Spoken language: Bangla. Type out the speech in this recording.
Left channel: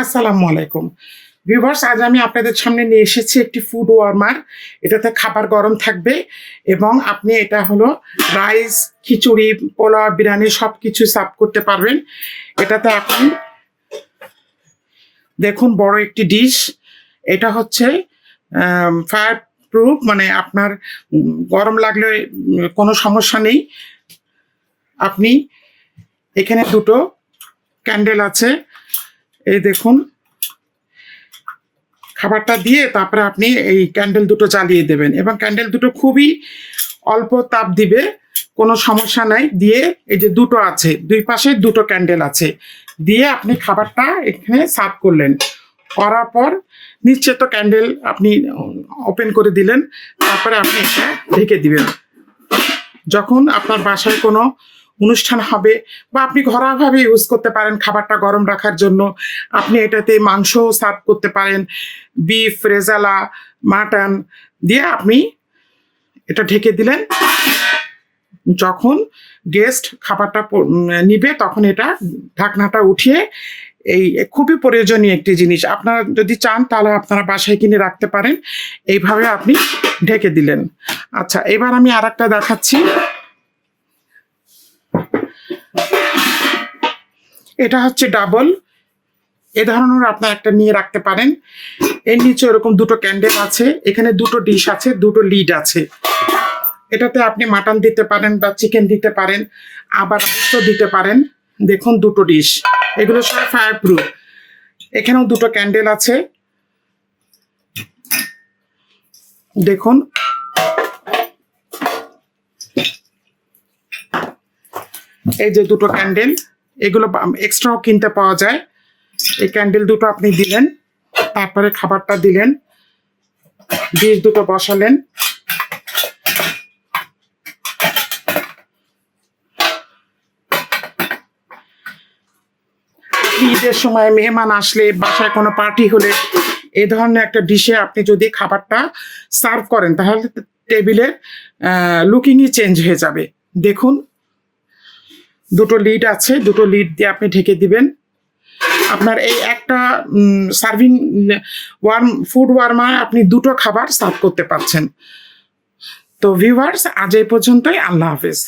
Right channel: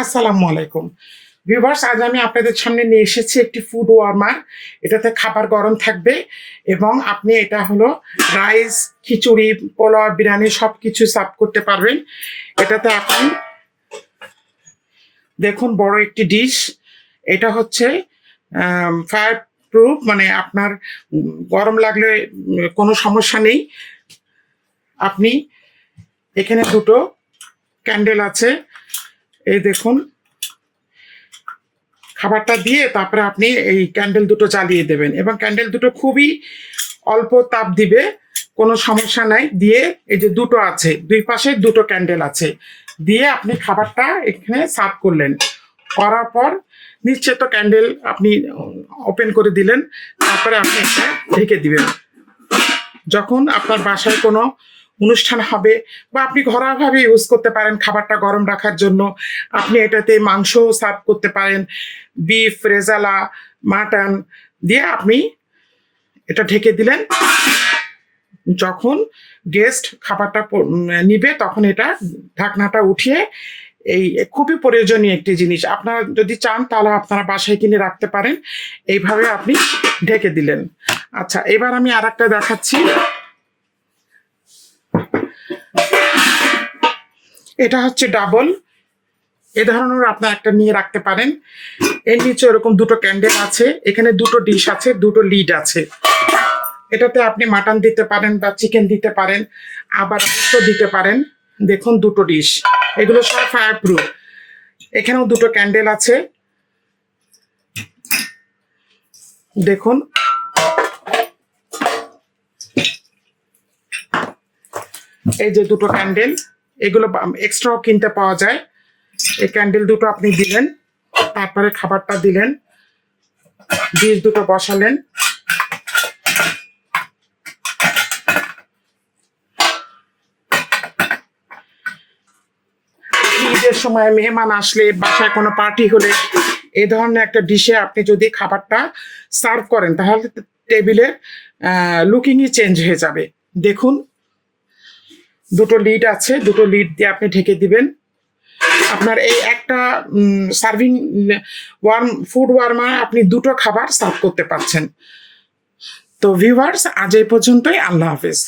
আসসালামু আলাইকুম ভিউয়ার্স, আজ আমি আপনাদের সামনে নিয়ে এসেছি একটি ফুড ওয়ার্মার। এটাতে খাবার গরম থাকবে এবং আপনি এটা হলো রাইস, খিচুড়ি, পোলাও, বিরিয়ানি সব কিছু সার্ভ করতে পারবেন। এটাতে আপনি দেখুন বড় একটি ডিশ। এটা হচ্ছে ফায়ার প্রুফ, মানে আপনার গরম লাগলে কোনো সমস্যা নেই। আপনি এখানে দুটো ক্যান্ডেল আছে, এই দেখুন। খাবারটা দিয়ে তারপরে আপনি এই ক্যান্ডেল দুটো জ্বালিয়ে দেবেন এবং ক্যান্ডেল দুটো খুবই অল্প তাপ দিবে, কোনো সমস্যা নাই। দিয়ে এই যে দুটো আছে, দুই পাশে দুটো ক্যান্ডেল আছে, দিয়ে আপনি খাবারটা এখানে সার্ভ করলেন। করার পর নিচে তো ক্যান্ডেল আপনি ওপেন করে দিলেন, তারপরে আপনি এটা ঢেকে দিবেন। যখন আপনার বাসায় কোনো অনুষ্ঠান হবে বা আপনি ঘরোয়াভাবে ইউজ করতে পারেন খাবারটা গরম রাখার জন্য, আপনি এটাতে মাংসও সার্ভ করতে পারেন, বিফ, রেজালা, মাটন দিয়ে আপনি এটা ঢেকে দিলেন। যখন গেস্ট খাবারটা নিবে তখন এটা ঢাকনাটা উঠিয়ে, এই খুবই প্রয়োজনীয় একটি জিনিস। আপনারা যদি চান তাহলে আপনারা বাসায় কিনে রাখতে পারেন। এইভাবে আপনি ঢেকে দিলেন। আচ্ছা, এবার আমি আর একটা দেখাচ্ছি। এটা হচ্ছে ডাবল, এ ধরনের আপনার একটা নিয়ে রাখতে পারেন। এর নিচে এরকম দুটো ক্যান্ডেল আছে, এখানে দুটো ডিশ আছে, দুটো লিড আছে। এটাতে আপনি মাটন দিতে পারেন বা চিকেন দিতে পারেন, আবার দিতে পারেন। দেখুন দুটো ডিশ, এগুলো সব ফায়ার প্রুফ। এখানেও দুটো ক্যান্ডেল আছে, দেখুন। এই যে দুটো ক্যান্ডেল, এগুলো এক্সট্রাও কিনতে পাওয়া যায়। এই ক্যান্ডেল দুটো আপনি দিলেন, তারপরে খাবারটা দিলেন, ডিশ দুটো বসালেন। ঈদের সময় মেহমান আসলে, বাসায় কোনো পার্টি হলে এই ধরনের একটা ডিশে আপনি যদি খাবারটা সার্ভ করেন তাহলে টেবিলের লুকিংই চেঞ্জ হয়ে যাবে। দেখুন দুটো লিড আছে, দুটো লিড দিয়ে আপনি ঢেকে দিবেন। আপনার এই একটা সার্ভিং ফুড ওয়ার্মার আপনি দুটো খাবার সার্ভ করতে পারছেন। তো ভিউয়ার্স, আজ এই পর্যন্তই। আল্লাহ হাফেজ।